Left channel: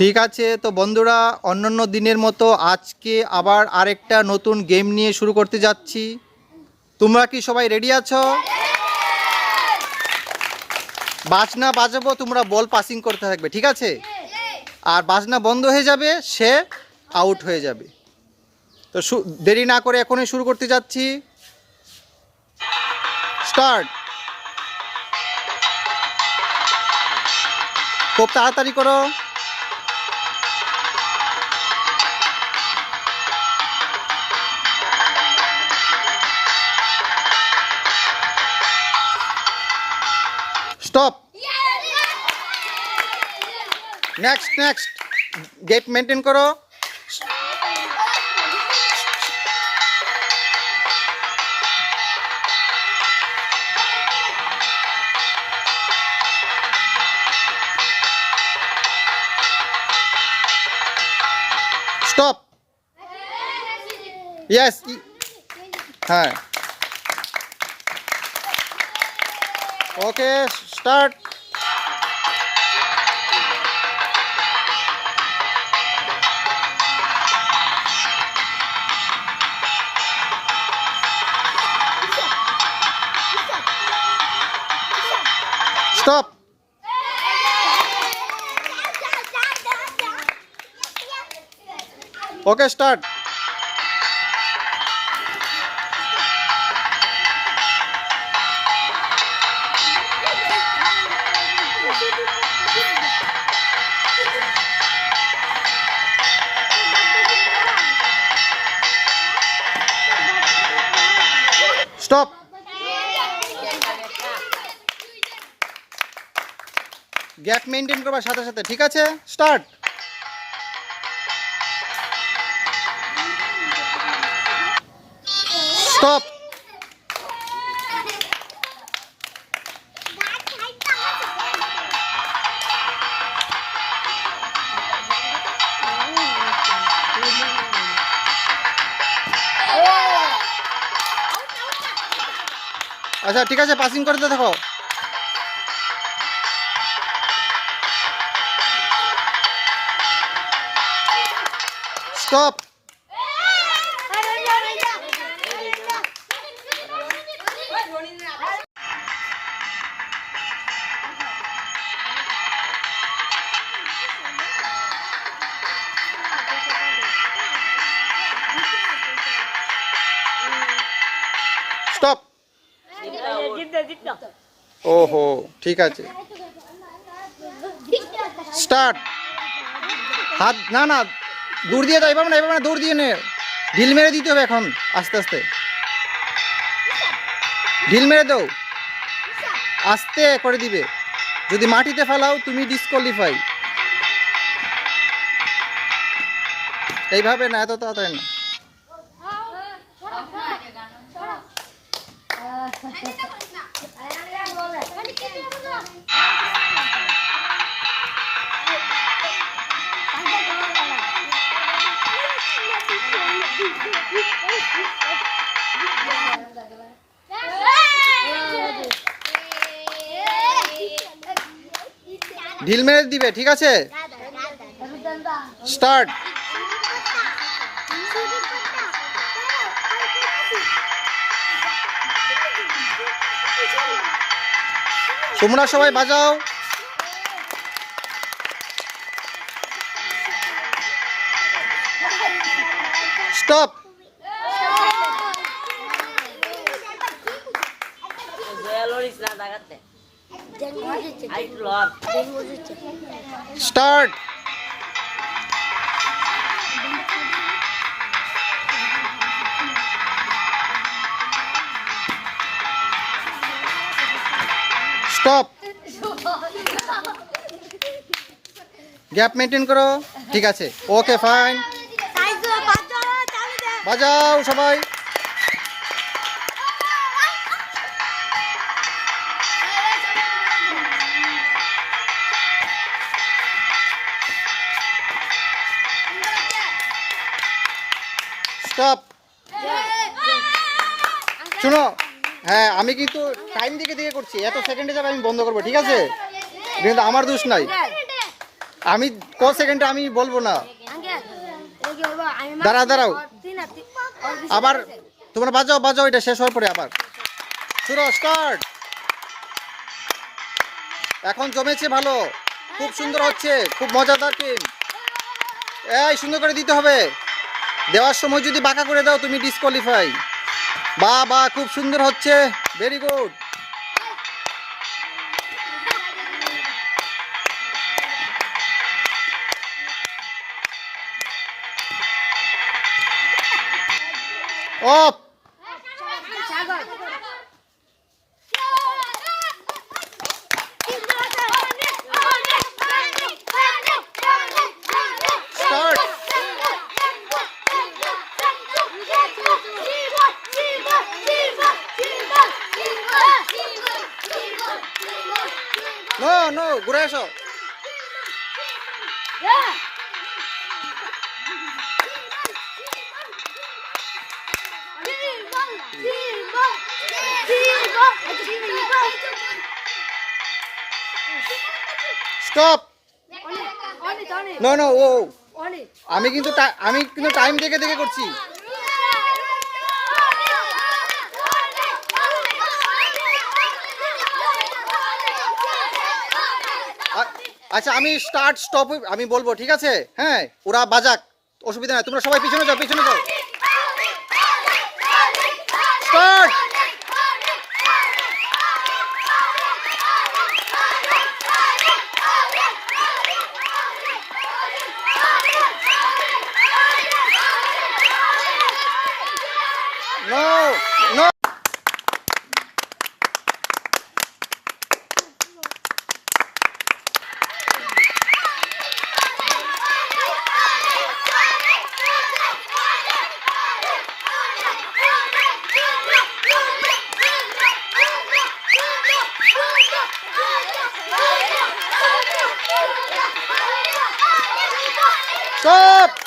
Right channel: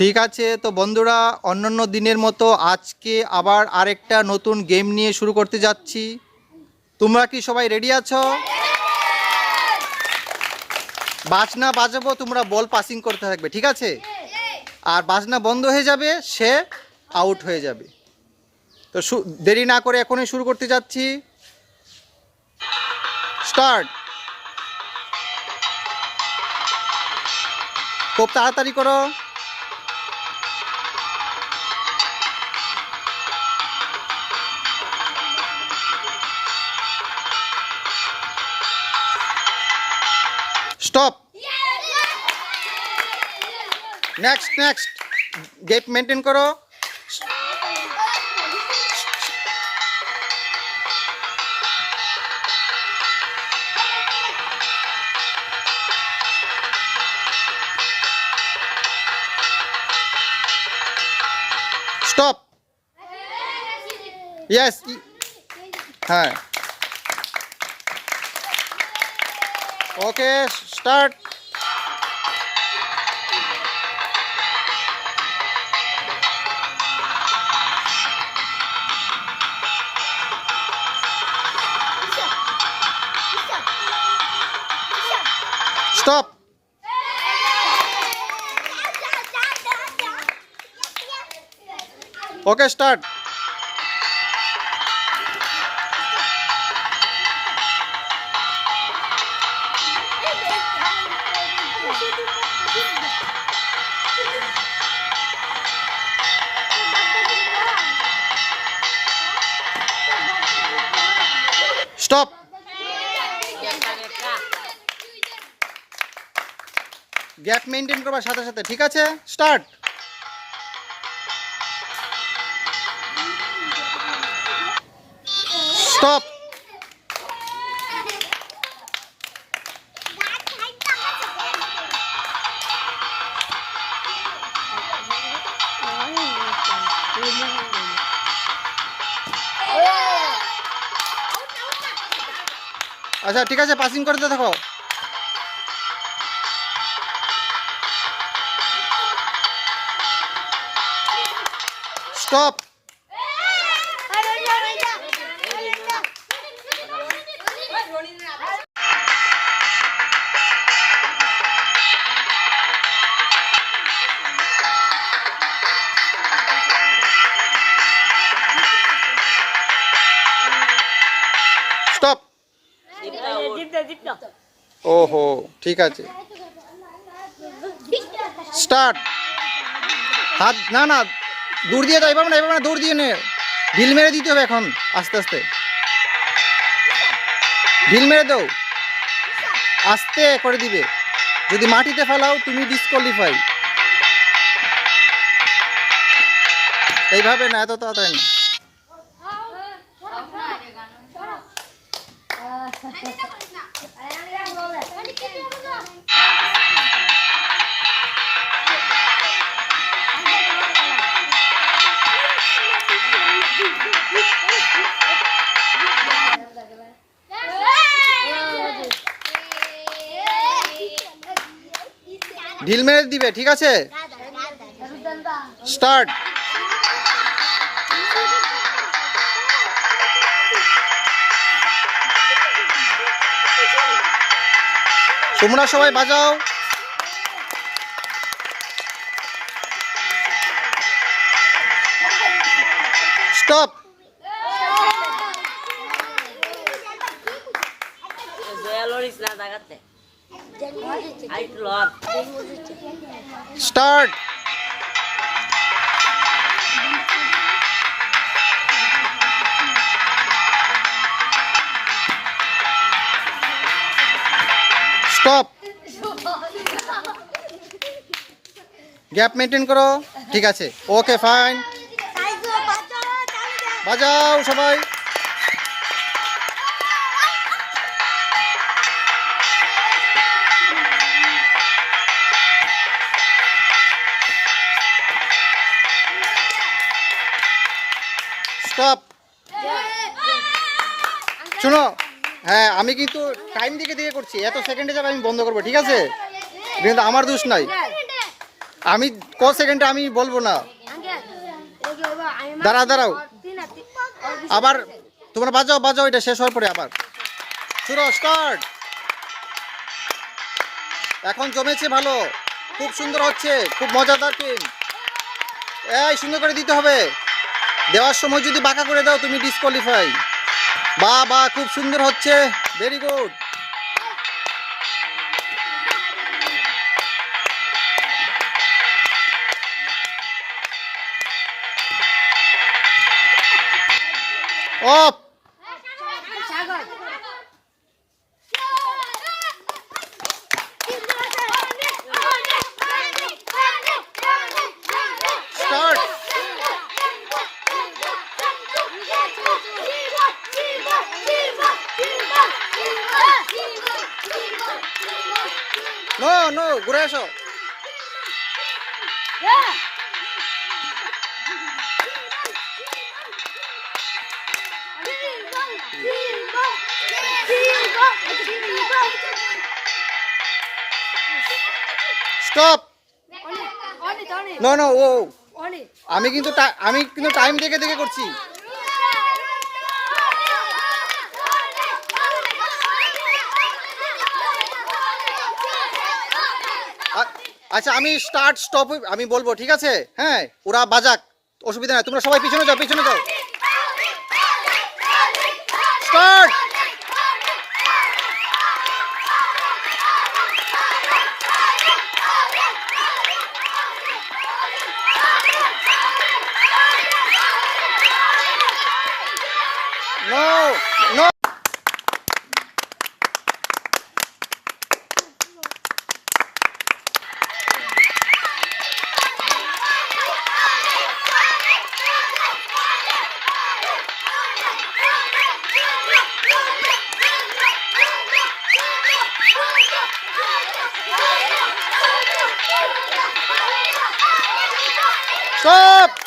ঠিক আছে, তো বন্ধুরা অন্যান্য দিনের মতো আজকে আবার আরেকটা নতুন গেম নিয়ে শুরু করতে যাচ্ছি। তোমরা কি সবাই রেডি আছো? বাজনা বাজাবো, তোমরা বল পাসিং করতে থাকবে, ঠিক আছে? আর বাজনা বন্ধ হয়ে যাবে, সে আউট হয়ে যাবে। তো দেরি না করে এখনই শুরু করতে যাচ্ছি। স্টার্ট। খুব তাড়াতাড়ি করো। Stop. Next next, get maintain করো। স্টপ। ইয়েস, হ্যাঁ, okay start. Stop. Okay start. Stop. Gap maintain করবার সাথে সাথে, ঠিক আছে? স্টার্ট। স্টপ। আচ্ছা ঠিক আছে, পাসিং করতে থাকো। স্টপ। স্টপ। ওহো, ঠিক আছে, স্টার্ট। হাত না না, দৌড় দিয়ে দাও, এভাবে না, এভাবে না, দৌড় দিয়ে নে, ঢিল মেরে দিতে হবে এখন, আস্তে আস্তে ঢিল মেরে দাও, আস্তে করে দিবে। যদি মাটিতে ফেলাও তুমি ডিসকোয়ালিফাই। এইভাবে না, এত তাড়াতাড়ি না। ঢিল মেরে দিবে, ঠিক আছে? স্টার্ট। তোমরা সবাই বাজাও। Stop. Start. Stop. Gap maintain করো, ঠিক আছে? ওকে ফাইন, বাজাও সবাই। স্টপ। শোনো, হ্যাঁ আমি কিন্তু টাইম দিকে করছি, এত সেকেন্ডে যাবে আমি বন্ধ করবো, ঠিক আছে? কিন্তু আমার দোষ নাই। আমি ক সেকেন্ডে আমি বলবো না। দাঁড়াও আবার তোমরা বাজাও, এটা শেষ হওয়ার পরে আবার শুরু স্টার্ট। এখন জমেছে ভালো, খুব সুন্দর হচ্ছে, খুব মজাদার গেম। এই সুন্দর করে দিতে হবে, দেওয়ার সময় যদি বাঁকা করে দাও তুমি ডিসকোয়ালিফাই। বা খুব সুন্দর হচ্ছে, very good. Off. Start. No ঘুরে এসো। স্টপ। নো ও আমি কিন্তু টাইম দেখে করছি। আচ্ছা আমি স্টার্ট স্টপ আমি বলবো, ঠিক আছে? হ্যাঁ, ওরা বাজাক, অসুবিধা নাই, তোমরা সবাই পিছনে যাও। স্টার্ট। No stop.